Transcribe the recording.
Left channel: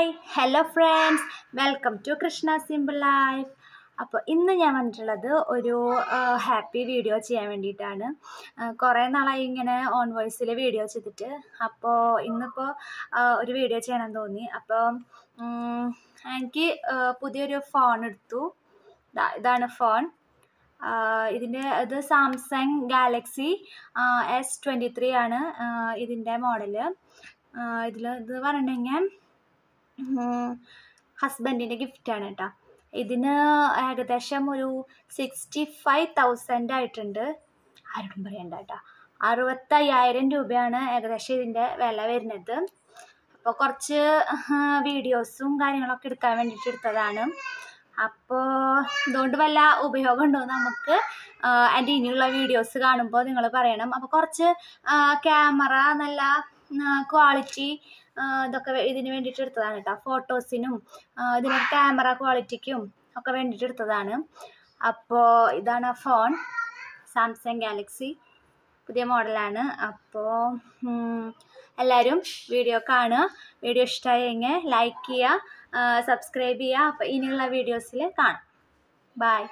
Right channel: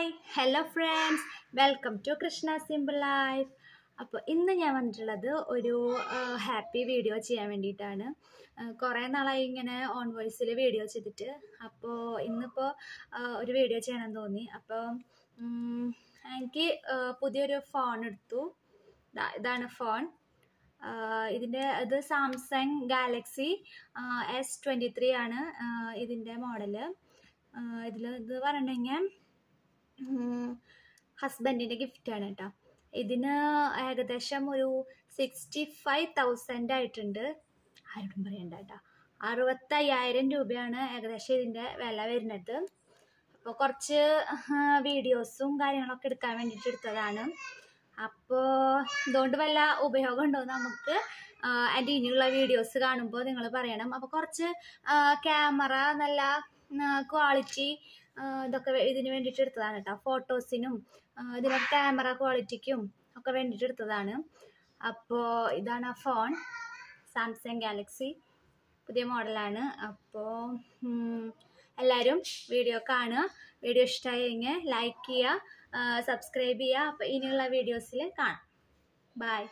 Hi hello friends, welcome to Krishna simple life. അപ്പോൾ ഇന്ന് ഞാൻ വന്നിട്ടുള്ളത് ഒരു ഹാപ്പി വീഡിയോ ചെയ്യാൻ വേണ്ടിയിട്ടാണ്. കുറേ നാളായി ഇങ്ങനെ ഓൺ വോയിസിൽ വീഡിയോ ചെയ്തിട്ട്. അപ്പോൾ ഇന്നിപ്പോൾ ഒരു വീഡിയോ ചെയ്യണമെന്ന് തോന്നി. അപ്പോൾ എനിക്ക് പുതിയൊരു ഫോൺ എടുത്തു. ഇതാണ് ഫോൺ. ഇത് സാംസങ് ഗാലക്സി S23 ആണ് ഇതിൻ്റെ മോഡല്. ഇത് പറഞ്ഞു കഴിഞ്ഞാൽ ഹസ്ബൻഡിൻ്റെ ഗിഫ്റ്റാണ് കേട്ടോ. ഇതിന് ഏകദേശം ഒരു 65,000 ആയിട്ടുണ്ട്. ആരോടും പറയണ്ട കേട്ടോ. 65,000 രൂപയാണ് ഏകദേശം ഇതിൻ്റെ വില വരുന്നത്. അപ്പോൾ കുറച്ച് വീഡിയോസും കാര്യങ്ങളൊക്കെ എടുക്കാൻ വേണ്ടിയിട്ട് എടുത്തതാണ്. അപ്പോൾ ഇതുകൊണ്ട് വല്ല ഉപയോഗം ഉണ്ടോ നമുക്ക് എൻ്റെ ഇനിയുള്ള വീഡിയോസ് കാണുമ്പോൾ നിങ്ങൾ പറയണം. അപ്പോൾ കുറച്ച് ക്യാമറ നല്ല ക്വാളിറ്റി ഇതൊക്കെ ഇതിന് വേണ്ടിയിട്ട് എടുത്തതാണ് കേട്ടോ. ഫോട്ടോസിനും ഇതിന് ക്യാമറ ക്വാളിറ്റിക്കും ഒക്കെ വേണ്ടിയിട്ട് എടുത്തതാണ്. അപ്പോൾ ഇതാണ് ഫോൺ, സാംസങ് ഗാലക്സി പുതിയ മോഡലാണ്. അപ്പോൾ എല്ലാവരും വീഡിയോ കാണുക. വീഡിയോ ഇഷ്ടമായെങ്കിൽ ലൈക്ക് ചെയ്യുക, സബ്സ്ക്രൈബ് ചെയ്യുക. അപ്പോൾ ഇനിയുള്ള വീഡിയോസിൽ കാണാം. ബൈ.